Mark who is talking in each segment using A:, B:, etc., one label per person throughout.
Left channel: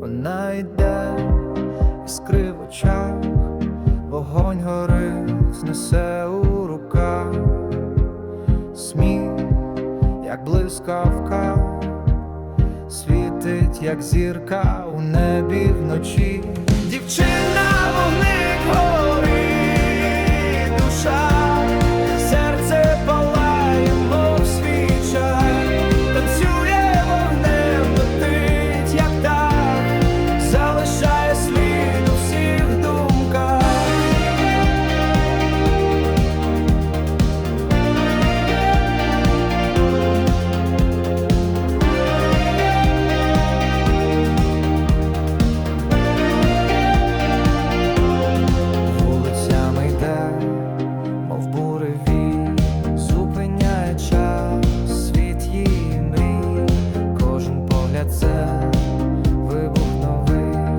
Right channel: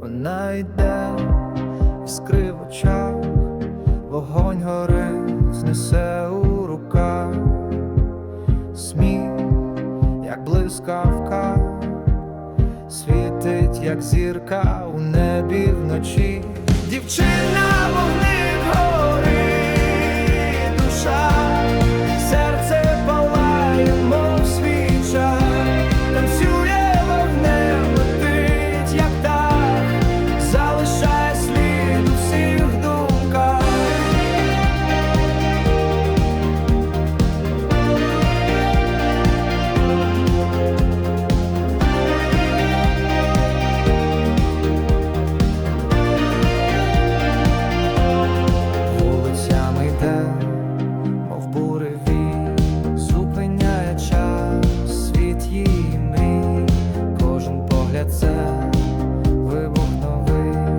A: Вона йде, іскри в очах, вогонь горить, знесе у руках, сміх, як блискавка, світить, як зірка у небі вночі. Дівчина вогник горить, душа, світ мрій, кожен погляд це вибух новий,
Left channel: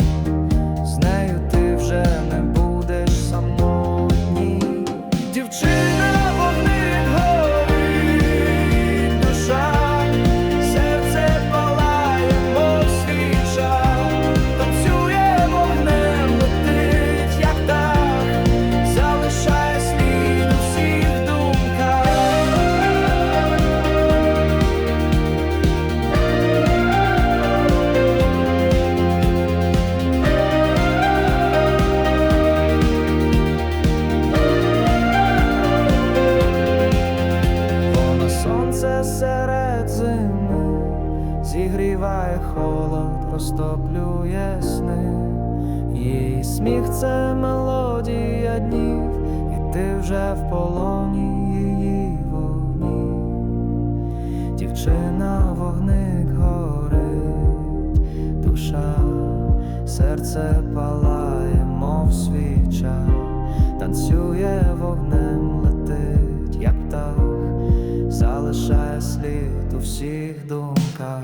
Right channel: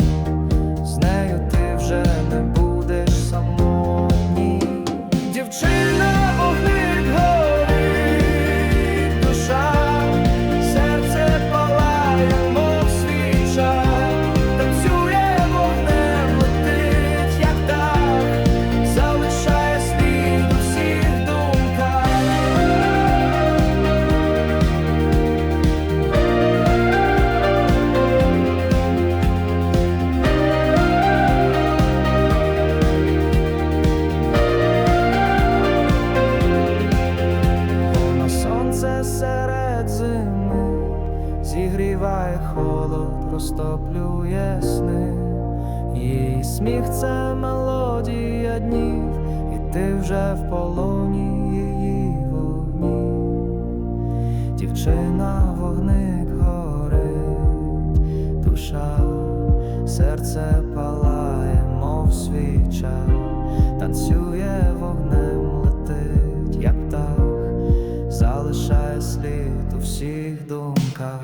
A: з нею ти вже не будеш самотній. Дівчина серед зими, зігріває холод, розтоплює сни. Її сміх це мелодія днів, і ти вже в полоні її вогні. Дівчина вогник горить, душа, серце палає, мов свіча, танцює вогнем, залишає слід у всіх думках.